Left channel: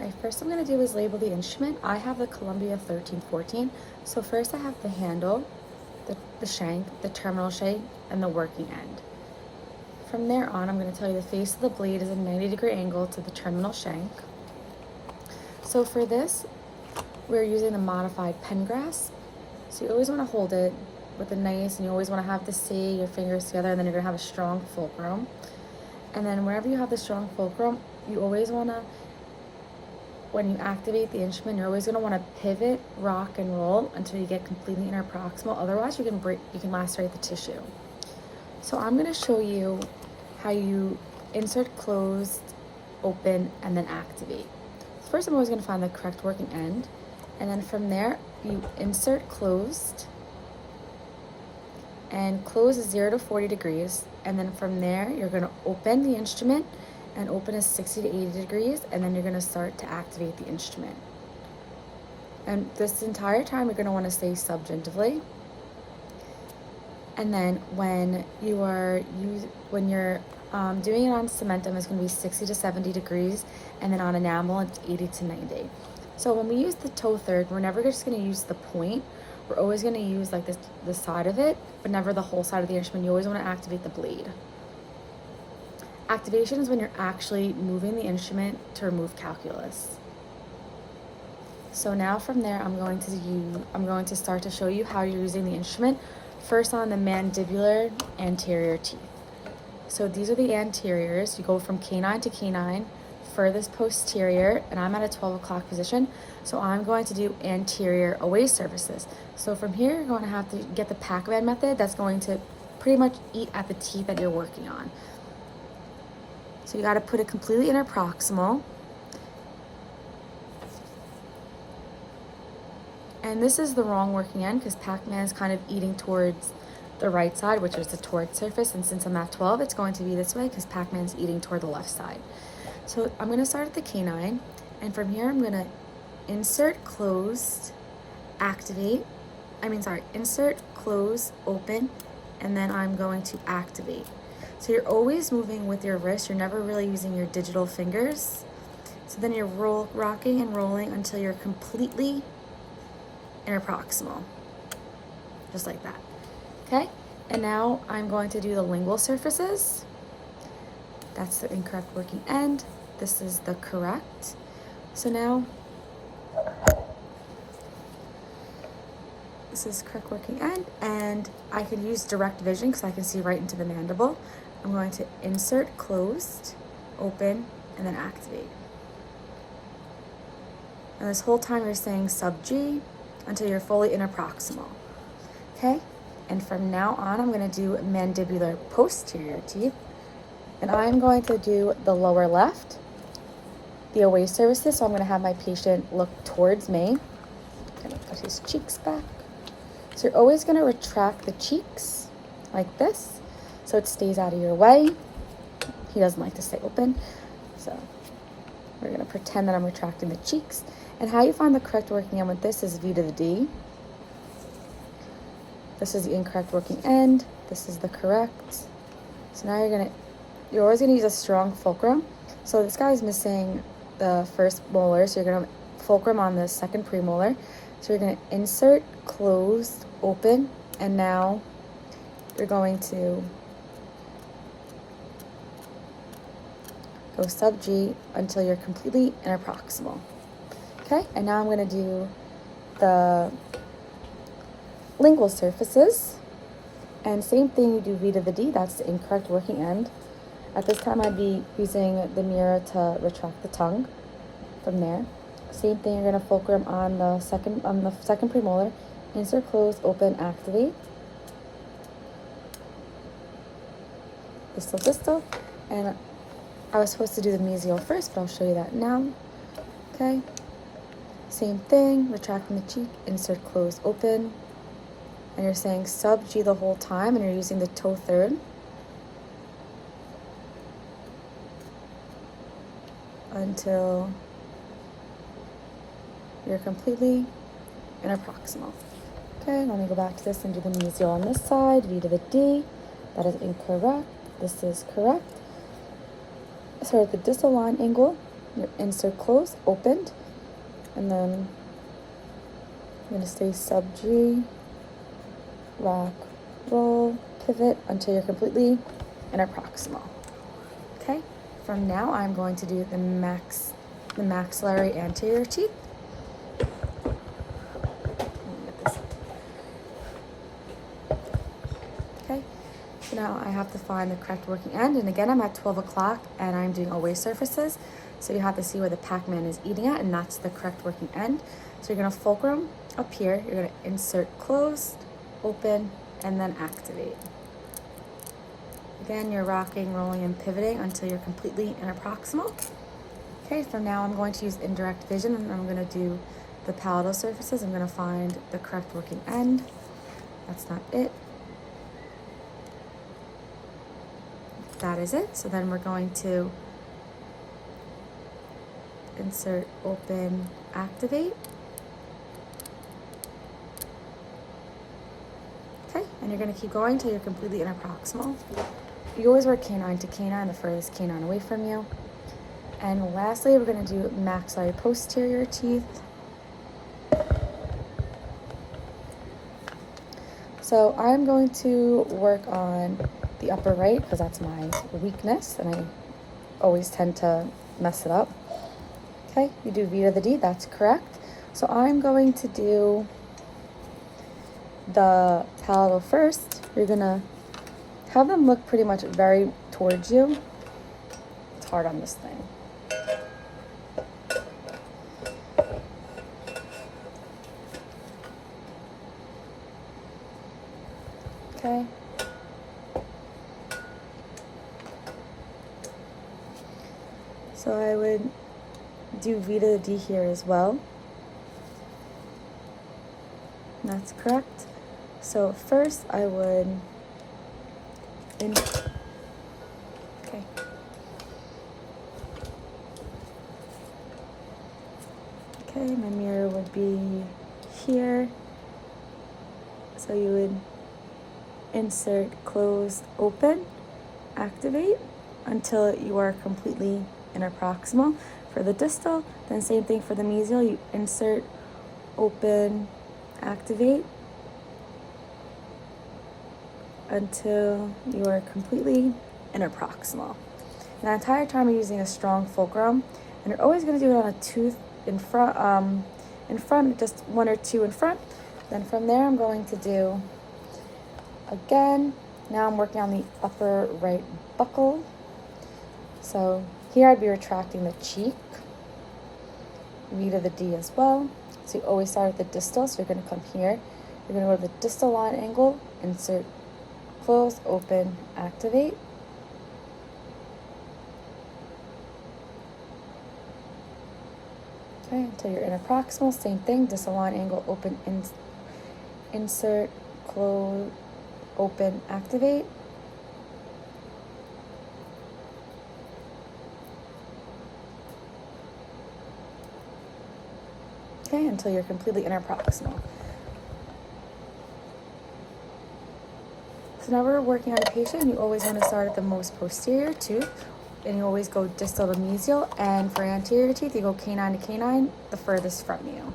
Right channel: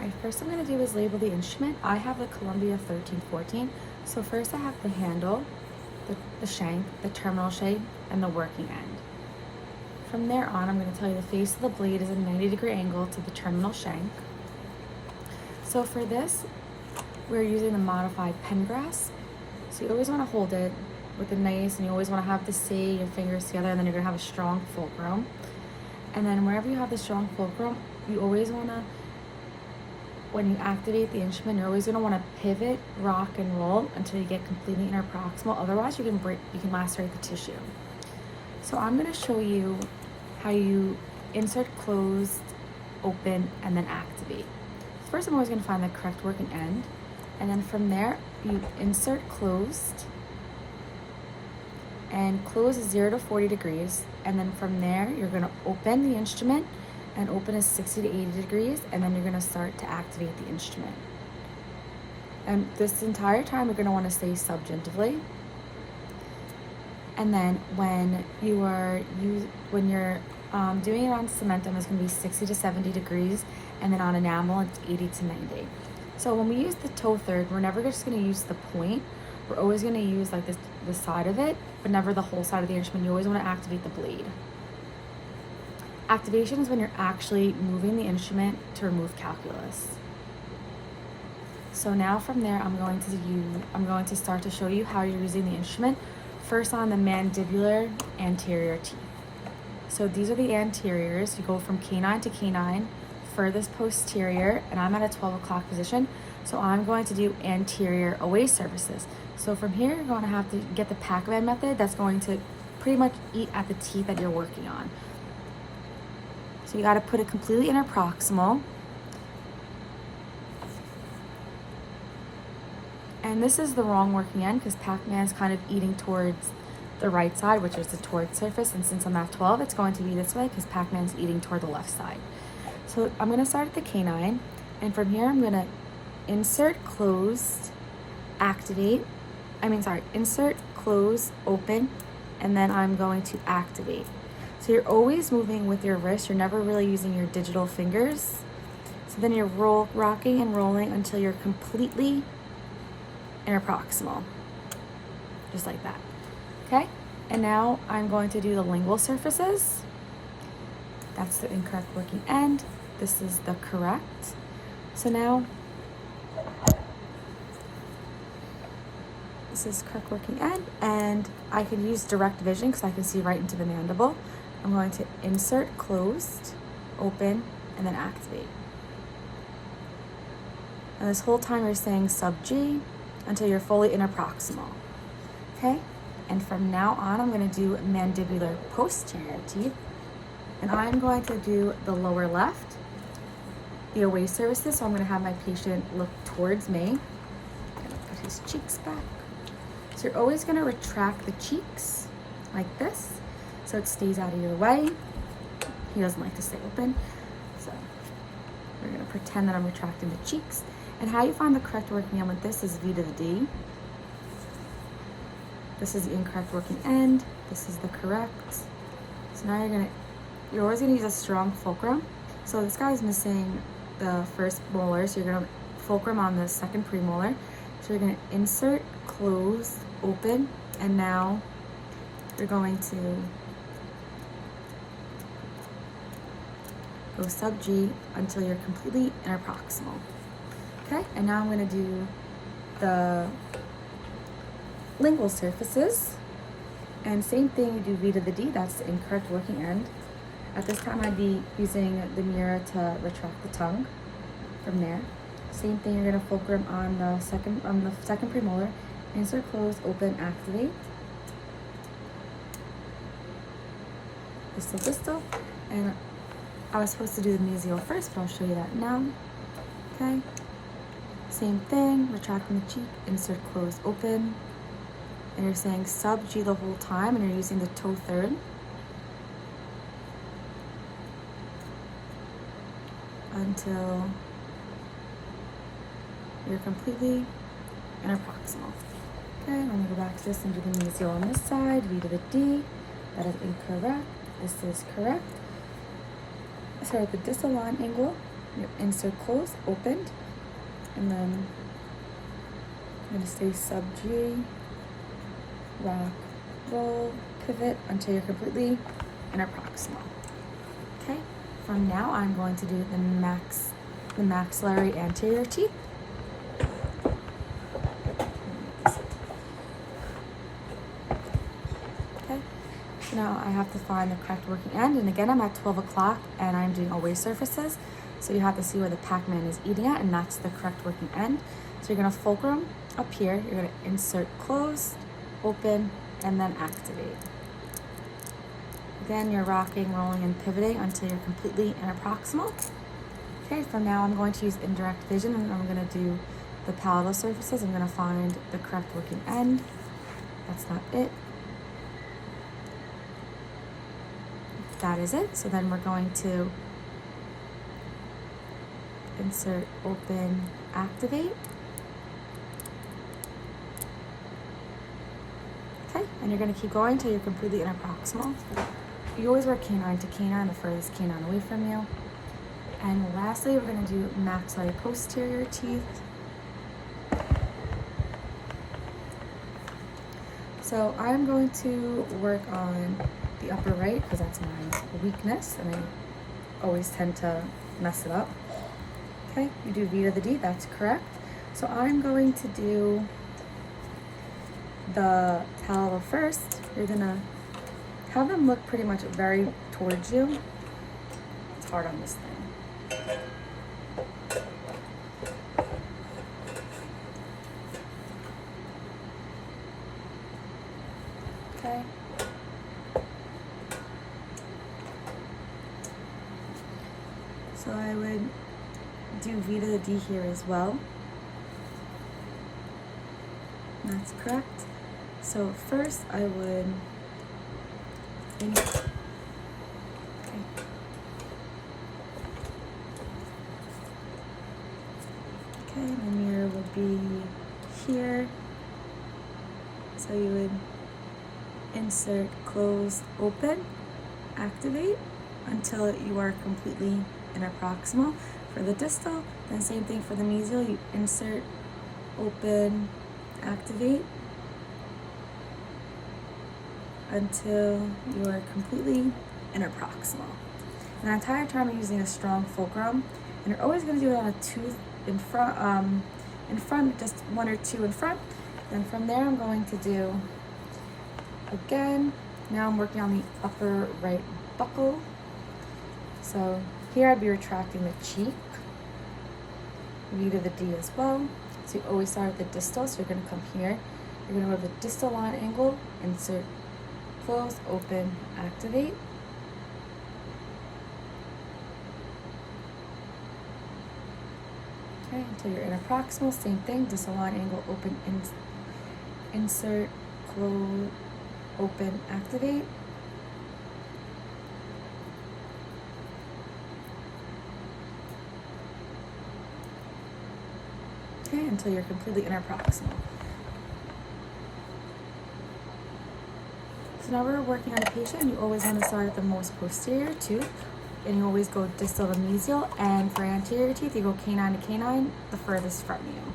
Alright, first I'm going to do is label the instrument. I have the Columbia 1314. So first I have the handle, the shank, the terminal shank, and the working end. From there on, I'm going to tell you the face of the blade is a 90-degree angle to the terminal shank. So for this, we're using the modified Pengrass. So you always want to hold it with a nice, and you always want to have your fingers together, and then you're going to have a strong fulcrum. And then wherever you have the strong fulcrum, you always want to, when you activate the instrument, you're always going to want to pivot, rock, and roll until you get completely interproximal. Otherwise, you can lacerate the tissue. So I'm going to show you how you insert closed, open, and then activate. First, I'm always going to find the correct working end, and then from there, you insert closed, and close is 0 to 40 degrees, and then from there, you're going to open the instrument, and open is 60 to 80 degrees, and then you're going to start to activate the instrument. And this entire time, you're going to want to stay subgentively. And then when you're doing it on cementum, it's going to be 60 to 70 degrees, and then on enamel, it's 80 to 90. So when we use the toe third, we're never just going to use the point. We're always going to use like the side of it, but never the whole side of the instrument. You always want to activate the blade. Activation is when you're actually moving the instrument to remove calculus. So now from there, I'm going to start to show you how you're using the instrument. First on the mandibular anterior teeth. So these are the anteriors. You go from canine to canine, furthest posterior, and I'm at a 12 o'clock position. So I'm going to do anterior away surfaces. So from here, you're going to have to get the Pac-Man method that's going to pretty much eat at the teeth that you're working on. So you got to put it completely interproximal. And this is the wrong working end because Pac-Man is kind of eating towards the right side, which is the toward surface. And since I'm at 12, it's going to be this way because Pac-Man is eating toward the left side. So I'm going to start at the canine. And from here, I'm going to insert, closed, insert, close, open, and then I'm going to activate. So you're always moving with your wrist. You're never really using your digital fingers. So then you're rocking and rolling until you're completely interproximal, just like that. Okay, and now I'm going to do the lingual surfaces. That's the incorrect working end. This is the correct. So now this is correct working end, and I can use direct vision because I can see right into the mandible. I'm going to insert, closed, open, and then activate. And this whole time you're saying sub G until you're fully interproximal. Okay? And from now on, I'm going to do mandibular posterior teeth. And I'm going to do the lower left, the away surfaces. So I'm going to have my patient look towards me. I'm going to put his cheeks back. So you're always going to retract the cheeks like this, so it stays out of your way. He doesn't like to stay open. So we're going to pretend that I'm retracting the cheeks. And how you find the correct working end with this is V to the D. This is the incorrect working end. This is the correct. So now you're always going to use a strong fulcrum. So this guy's missing the first molar, so you're going to fulcrum on the second premolar. So you're going to insert, close, open, and now you're going to go sub G until you're completely interproximal. Okay, and now I'm going to do the lingual surfaces. And same thing, we do V to the D, that's the incorrect working end. At this time, I'd be using the mirror to retract the tongue from there. Same thing, you're going to fulcrum on the second premolar, insert, close, open, activate. Distal, and I was supposed to do the mesial first, but I'll show you that now. Okay, same thing, retracting the cheek, insert, close, open, and you're saying sub G the whole time, and you're using the toe third until you're completely interproximal. Okay, let me go back to this and do the mesial on this side. V to the D, that is incorrect. This is correct. Start at the distal line angle, Your insert closed, opened, and then I'm going to stay sub G, rock, roll, pivot until you're completely in a proximal. Okay, from now I'm going to do the maxillary anterior teeth. Okay, so now I have to find the correct working end, and again I'm at 12 o'clock and I'm doing away surfaces, so you have to see where the Pac-Man is eating at, and that's the correct working end. So you're going to fulcrum up here, you're going to insert close, open, and then activate. Again, you're rocking, rolling, and pivoting until you're completely in a proximal. Okay, so now I'm going to use indirect vision, and I'm going to do the palatal surfaces. I'm going to find the correct working end. That's not it. That is it. So then we're going to insert, open, activate. Okay, and you're going to keep going until you're completely in a proximal. You always work canine to canine, the furthest canine away from you. And lastly, we're going to do maxillary posterior teeth. So I'm going to work on the upper right because that's my weakness and I always tend to mess it up. Okay, you do V to the D, that's correct. So I'm going to do the palatal first. You're gonna have them look pretty much very towards you. It's hard on this thing. Okay. So I would do V to the D here as well. That's correct. So first I would okay. Okay, my mirror would be here. So you would insert, close, open, activate until you are completely interproximal. For the distal, then same thing for the mesial. You insert, open, activate until you are completely interproximal. The entire time you're using a strong fulcrum, and you're always going to do it on a tooth in front, just one or two in front. Then from there, I'm going to do again. Now I'm working on the upper right buccal. So here I'd be retracting the cheek. V to the D as well. So you always start with the distal. So you're going to come here. You're going to go to the distal line angle, insert, close, open, activate. Okay, until you're in a proximal, same thing, distal line angle, open, insert, close, open, activate. Okay, until you're completely interproximal. So now we're working on a patient. You always want to start at the most posterior tooth, and you always go distal to mesial. And for anterior teeth, you go canine to canine, the furthest from you.